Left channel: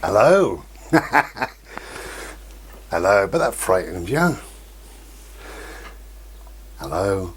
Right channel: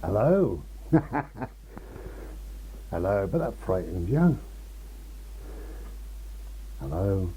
Hello. Hello, but that frightened you. Hello.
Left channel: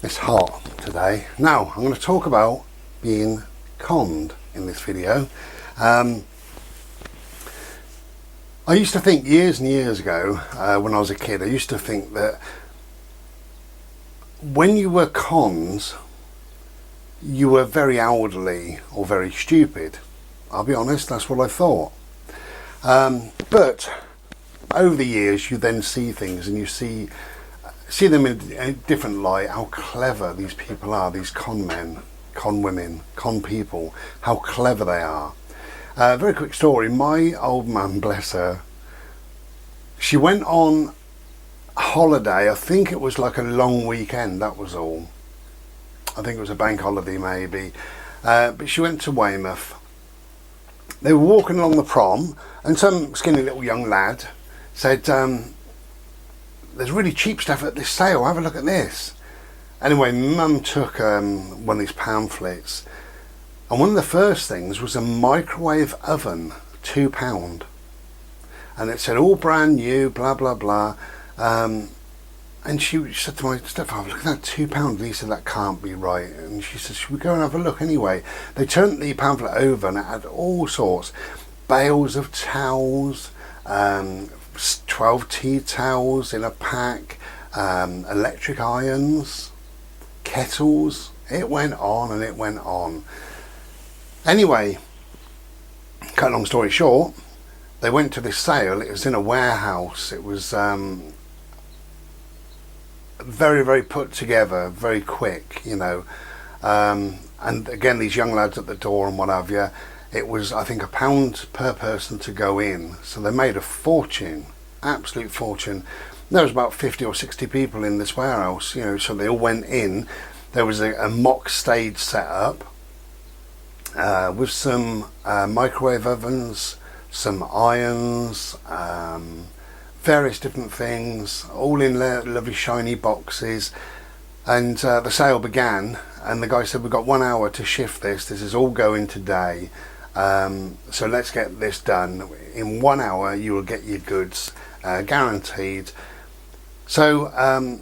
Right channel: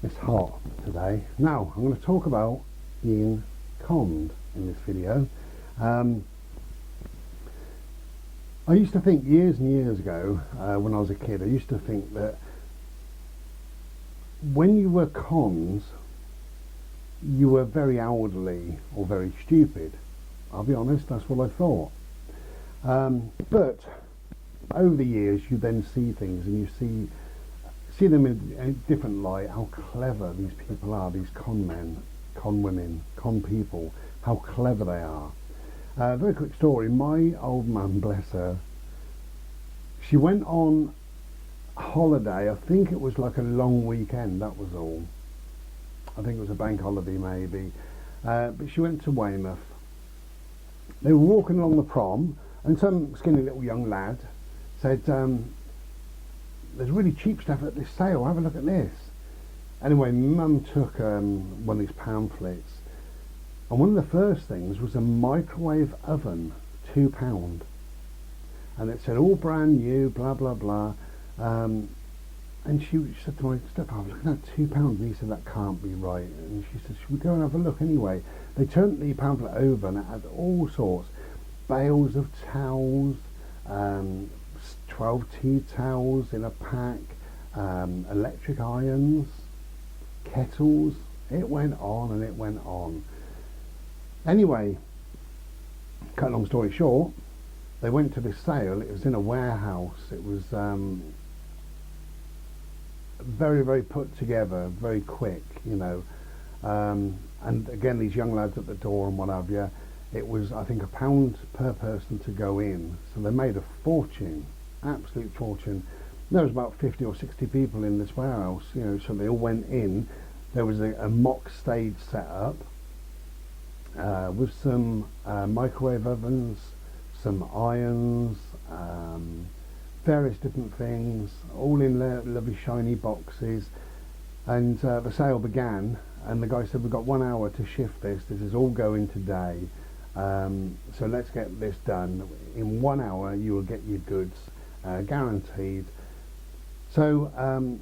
It's hot today. Now, I'm going to talk about being conned in this video. I used to think years and years ago, when I was a kid, I used to think that when you were cons, you were very elderly or very stupid. I'll be honest, that's what I thought. But over the years, you then see things and you see them in a different light, how clever these people are, these con men, con women, con people, how clever they are. Very quick story, my old mum, bless her, she went on holiday, I think it was like a long weekend, that was all. I think it was a bank holiday maybe, but she went to Weymouth. They were walking along the prom and some skinny little young lad said, there's really cheap stuff at this sale, have a look at this. Anyway, mum took one of these pamphlets and one of the first things was a microwave oven, £2. And it said all brand new, blah blah blah. And she said to my stepfather, look at that £2. And he said, that can't be right. And she said, should we go and have a look anyway? They turned the pamphlet over and it had all sorts. Bales of towels, 12 tea towels in a pack, electric irons, kettles. It went on and it went on. Anyway, cut a long story short, they went to this sale. It was in a warehouse. It was very, very put together, very quick, you know. And again, these young lads at the door and what have you. It was, I think, £1 per person to go in. So they made a fortune, absolute fortune. There was about 50 or 60 people in this warehouse, you know, so they all went in. There was a mock stage set up with some microwave ovens, some irons, various different things, all in lovely shiny boxes. And the sale began and the guy said, we've got 1 hour to shift this is all going today, so let's get this done. In 1 hour you will get your goods, guaranteed. So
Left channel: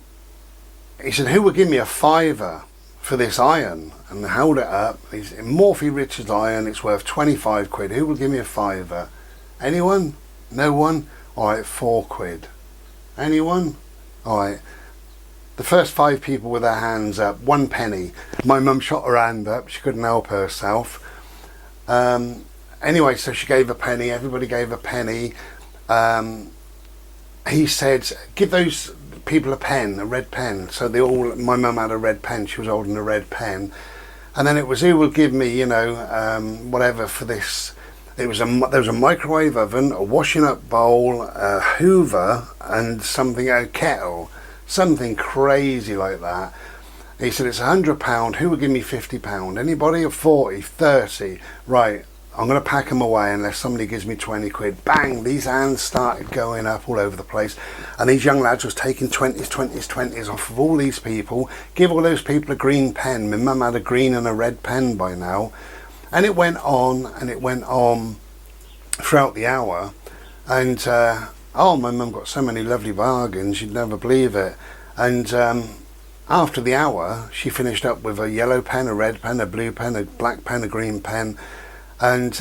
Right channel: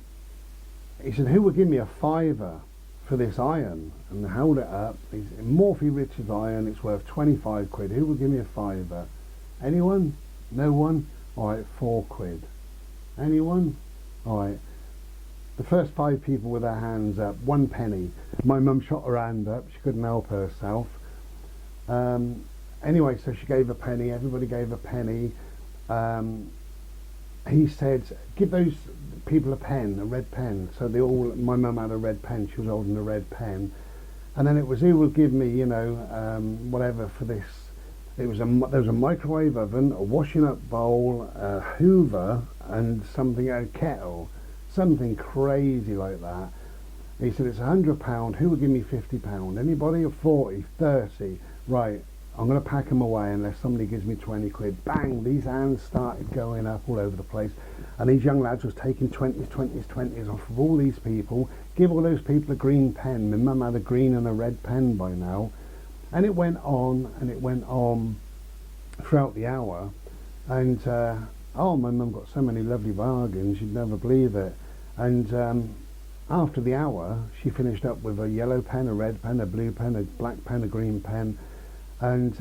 he said, who will give me a £5 for this iron? And they held it up. It's Morphy Richards iron, it's worth 25 quid. Who will give me a £5? Anyone? No one? Alright, £4. Anyone? Alright. The first 5 people with their hands up, 1 penny. My mum shot her hand up, she couldn't help herself. Anyway, so she gave a penny, everybody gave a penny. He said, give those people a pen, a red pen. So my mum had a red pen, she was holding a red pen. And then it was, who will give me, you know, whatever for this. There was a microwave oven, a washing up bowl, a hoover, and a kettle, something crazy like that. He said, it's £100, who will give me £50? Anybody? Or 40, 30? Right, I'm going to pack them away unless somebody gives me 20 quid. Bang, these hands started going up all over the place. And these young lads was taking 20s, 20s, 20s off of all these people. Give all those people a green pen. My mum had a green and a red pen by now. And it went on and it went on throughout the hour. And, oh, my mum got so many lovely bargains, you'd never believe it. And after the hour, she finished up with a yellow pen, a red pen, a blue pen, a black pen, a green pen. And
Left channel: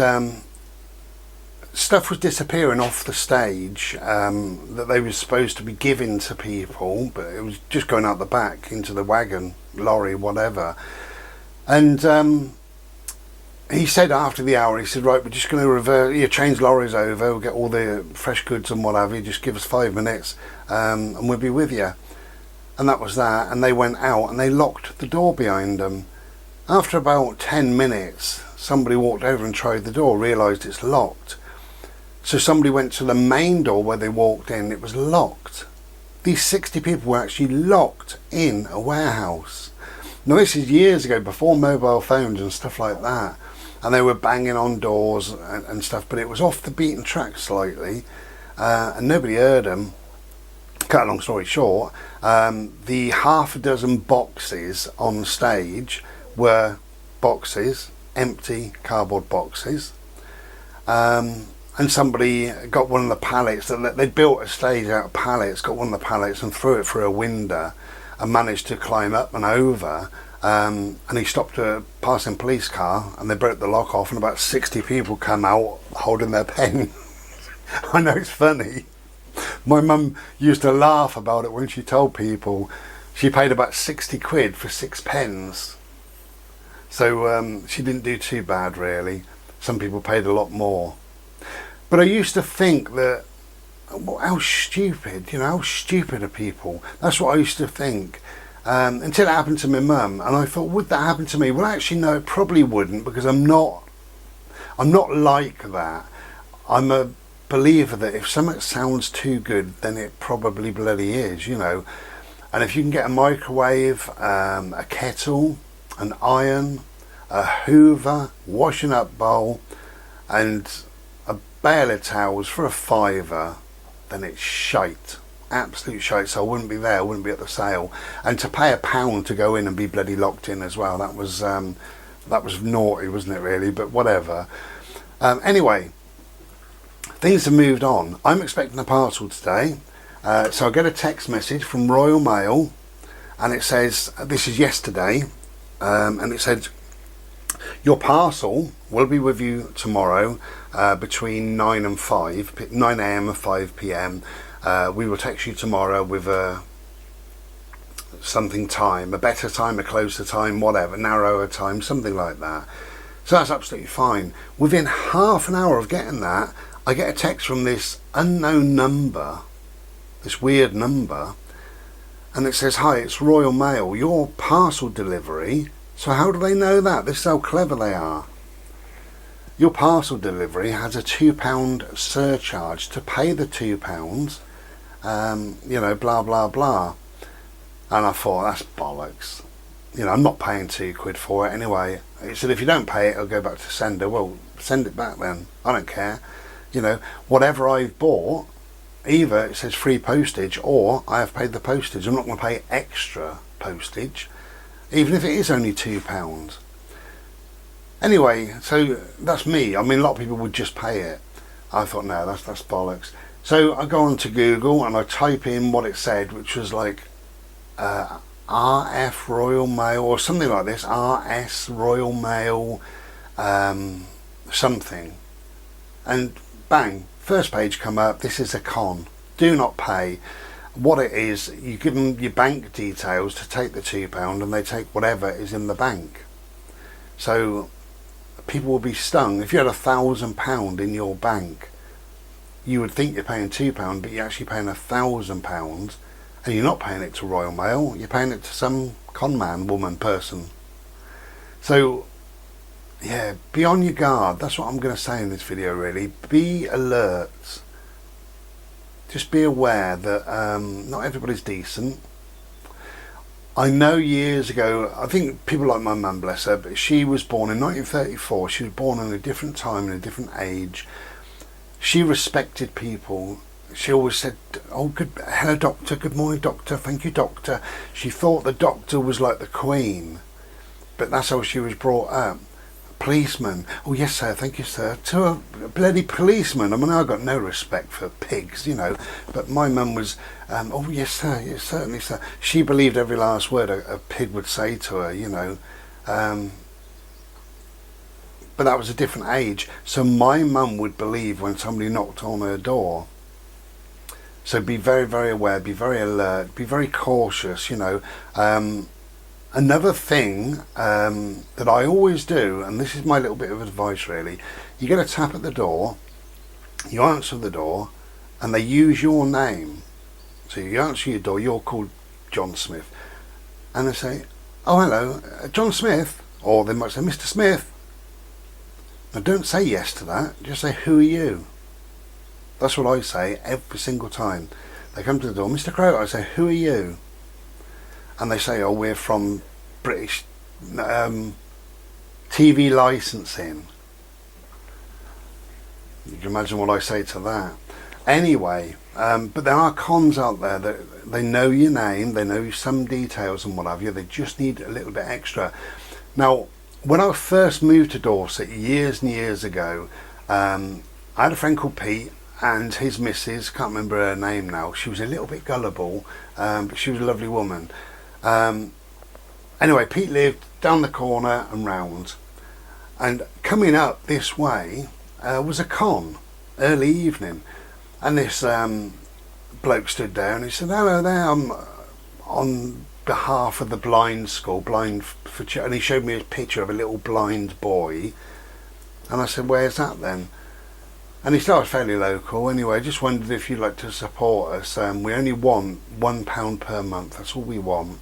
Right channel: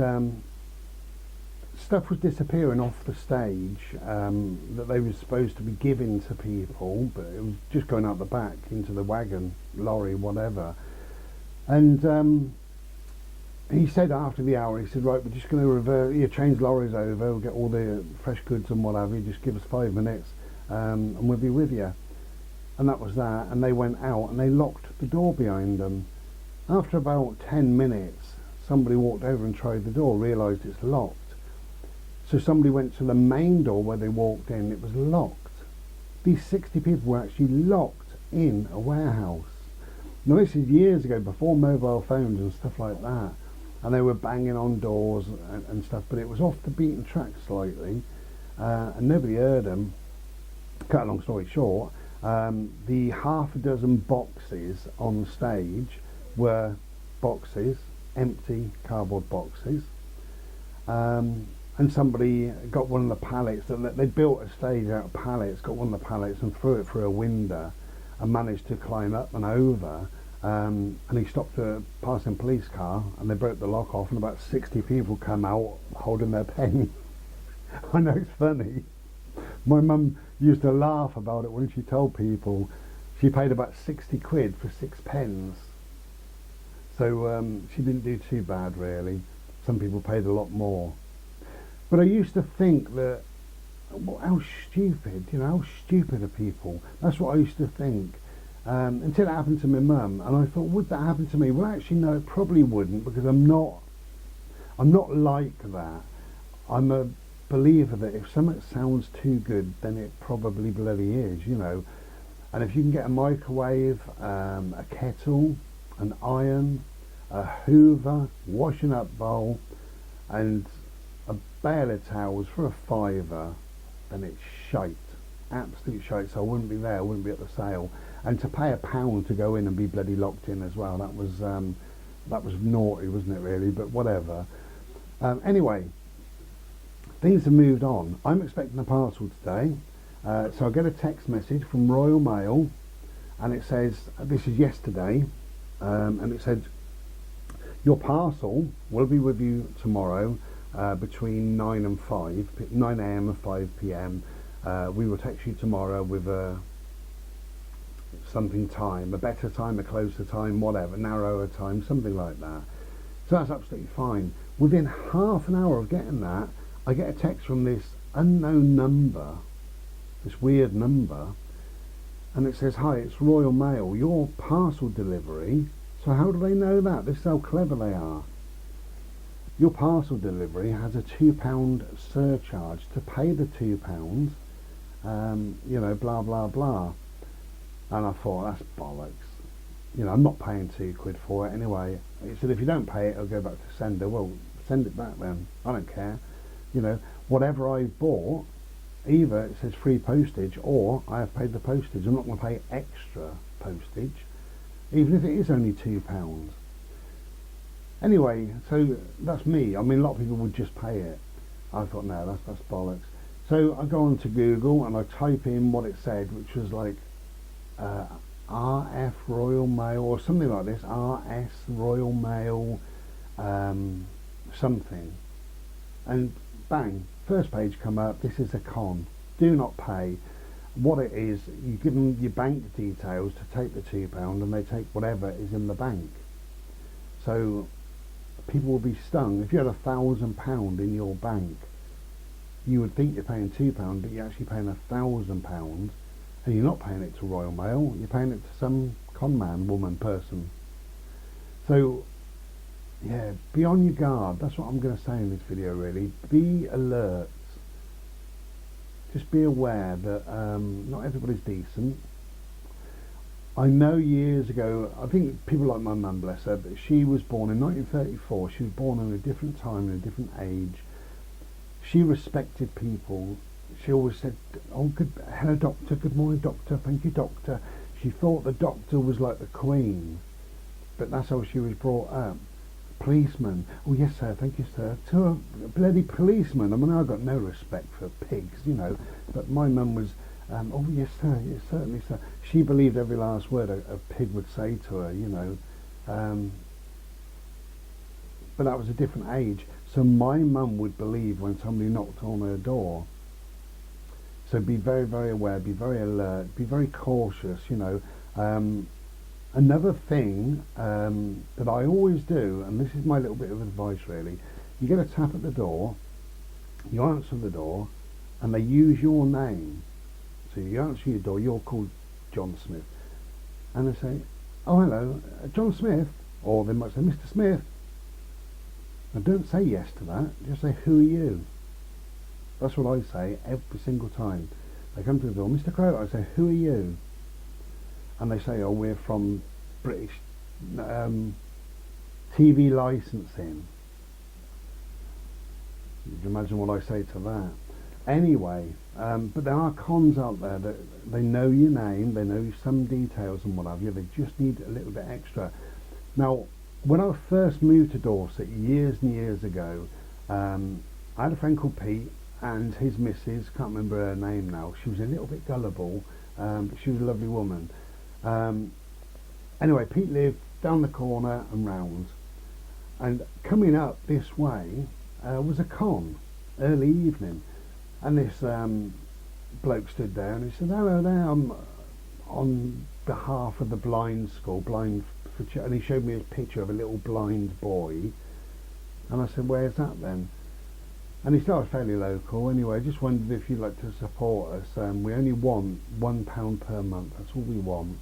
stuff was disappearing off the stage that they were supposed to be giving to people, but it was just going out the back into the wagon, lorry, whatever. And he said after the hour, he said, right, we're just going to change lorries over, we'll get all the fresh goods and whatever, just give us 5 minutes and we'll be with you. And that was that. And they went out and they locked the door behind them. After about 10 minutes, somebody walked over and tried the door, realised it's locked. So somebody went to the main door where they walked in, it was locked. These 60 people were actually locked in a warehouse. Now this is years ago, before mobile phones and stuff like that. And they were banging on doors and stuff, but it was off the beaten track slightly, and nobody heard them. Cut a long story short, the half a dozen boxes on stage were boxes, empty cardboard boxes, and somebody got one of the pallets that they'd built a stage out of pallets, got one of the pallets and threw it through a window and managed to climb up and over. And he stopped a passing police car and they broke the lock off, and about 60 people come out holding their pen. I know it's funny. My mum used to laugh about it when she told people she paid about 60 quid for 6 pens. So she didn't do too bad really. Some people paid a lot more. But I used to think that, well, how stupid, how stupid are people? That's what I used to think. Until it happened to my mum, and I thought, would that happen to me? Well, actually, no, it probably wouldn't, because I'm not like that. I'm a believer that if something sounds too good, then it probably bloody is, And if you can get a microwave, a kettle, an iron, a hoover, washing up bowl, and a bale of towels for a £5, then it's shite. Absolute shite. So I wouldn't be there, I wouldn't be at the sale. And to pay £1 to go in and be bloody locked in as well, that was naughty, wasn't it really? But whatever. Anyway, things have moved on. I'm expecting a parcel today. So I get a text message from Royal Mail, and it says, this is yesterday, and it said, your parcel will be with you tomorrow between 9 and 5, 9 a.m. and 5 p.m. We will text you tomorrow with a something time, a better time, a closer time, whatever, narrower time, something like that. So that's absolutely fine. Within half an hour of getting that, I get a text from this unknown number, this weird number, and it says, hi, it's Royal Mail, your parcel delivery. So how do they know that? This is how clever they are. Your parcel delivery has a £2 surcharge. To pay the £2, blah, blah, blah. And I thought, that's bollocks. I'm not paying £2 for it anyway. It said, if you don't pay it, it'll go back to sender. Well, send it back then. I don't care. Whatever I've bought, either it says free postage or I have paid the postage. I'm not going to pay extra postage, even if it is only £2. Anyway, so that's me. I mean, a lot of people would just pay it. I thought, no, that's bollocks. So I go on to Google and I type in what it said, which was like RF Royal Mail or something like this, RS Royal Mail, something. And bang, first page come up, this is a con. Do not pay. What it is, you give them your bank details to take the £2 and they take whatever is in the bank. So people will be stung. If you had £1,000 in your bank, you would think you're paying £2, but you're actually paying £1,000, and you're not paying it to Royal Mail, you're paying it to some con man, woman, person. So yeah, be on your guard. That's what I'm going to say in this video really. Be alert. Just be aware that not everybody's decent. I know years ago, I think people like my mum, bless her, but she was born in 1934. She was born in a different time, in a different age. She respected people. She always said, oh, hello doctor, good morning doctor, thank you doctor. She thought the doctor was like the Queen, but that's how she was brought up. Policeman, oh yes sir, thank you sir. To a bloody policeman. I mean, I got no respect for pigs, but my mum was, oh yes sir, yes certainly sir. She believed every last word a pig would say to her, but that was a different age. So my mum would believe when somebody knocked on her door. So be very, very aware, be very alert, be very cautious, Another thing that I always do, and this is my little bit of advice really, you get a tap at the door, you answer the door, and they use your name. So you answer your door, you're called John Smith, and they say, oh hello, John Smith, or they might say, Mr. Smith. Now don't say yes to that, just say, who are you? That's what I say every single time. They come to the door, Mr. Crow, I say, who are you? And they say, oh, we're from British TV licensing. You can imagine what I say to that. Anyway, but there are cons out there that they know your name, they know some details and what have you, they just need a little bit extra. Now, when I first moved to Dorset years and years ago, I had a friend called Pete, and his missus, can't remember her name now, she was a little bit gullible, but she was a lovely woman. Anyway, Pete lived down the corner and round, and coming up this way was a con, early evening, and this bloke stood there and he said, "Hello there, I'm on behalf of the blind school, blind for," and he showed me a picture of a little blind boy, and I said, "Where's that then?" And he said, "Oh, it's fairly local. Anyway, I just wondered if you'd like to support us. We only want £1 per month. That's all we want.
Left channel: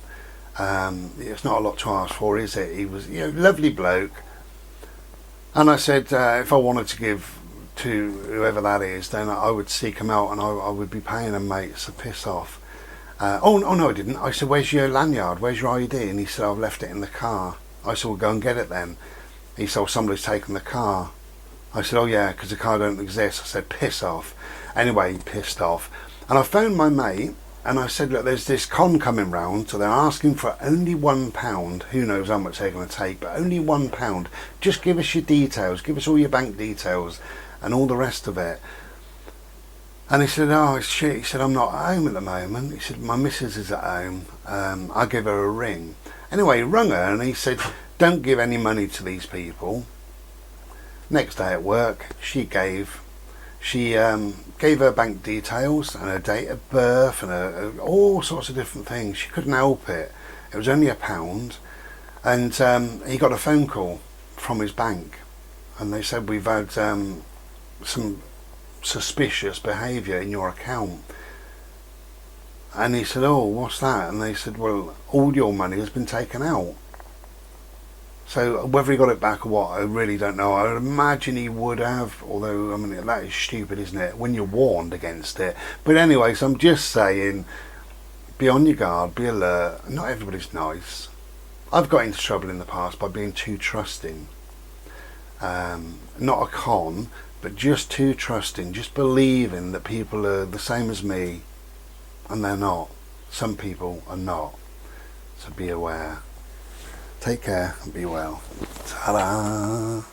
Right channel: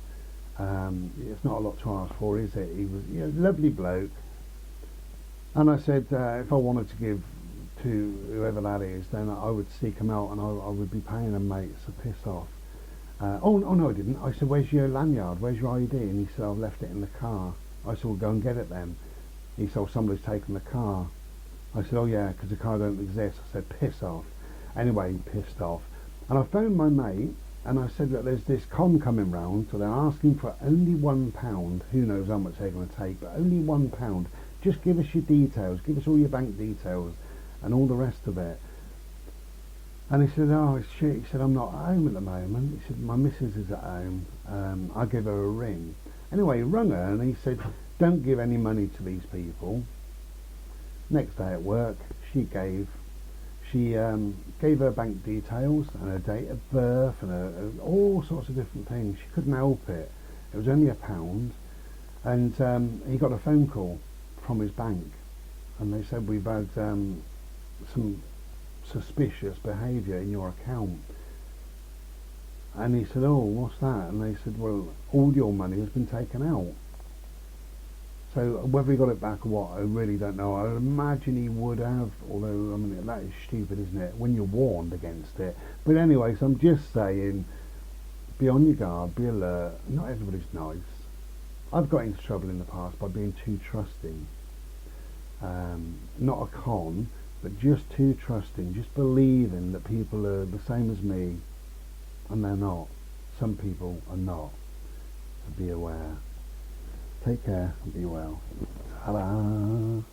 It's not a lot to ask for, is it?" He was, lovely bloke. And I said, if I wanted to give to whoever that is, then I would seek him out and I would be paying him, mate. So piss off. Oh no, I didn't. I said, "Where's your lanyard? Where's your ID?" And he said, "I've left it in the car." I said, "Well, go and get it then." He said, "Oh, somebody's taken the car." I said, "Oh yeah, because the car don't exist." I said, "Piss off." Anyway, he pissed off. And I phoned my mate and I said, "Look, there's this con coming round, so they're asking for only £1. Who knows how much they're going to take, but only £1. Just give us your details, give us all your bank details and all the rest of it." And he said, "Oh, it's shit." He said, "I'm not at home at the moment." He said, "My missus is at home. I'll give her a ring." Anyway, he rung her and he said, "Don't give any money to these people." Next day at work, she gave her bank details and her date of birth and all sorts of different things. She couldn't help it. It was only £1, and he got a phone call from his bank, and they said, "We've had some suspicious behaviour in your account." And he said, "Oh, what's that?" And they said, "Well, all your money has been taken out." So whether he got it back or what, I really don't know. I would imagine he would have, although, I mean, that is stupid, isn't it, when you're warned against it. But anyway, so I'm just saying, be on your guard, be alert. Not everybody's nice. I've got into trouble in the past by being too trusting. Not a con, but just too trusting, just believing that people are the same as me, and they're not. Some people are not. So be aware. Take care and be well. Ta-da!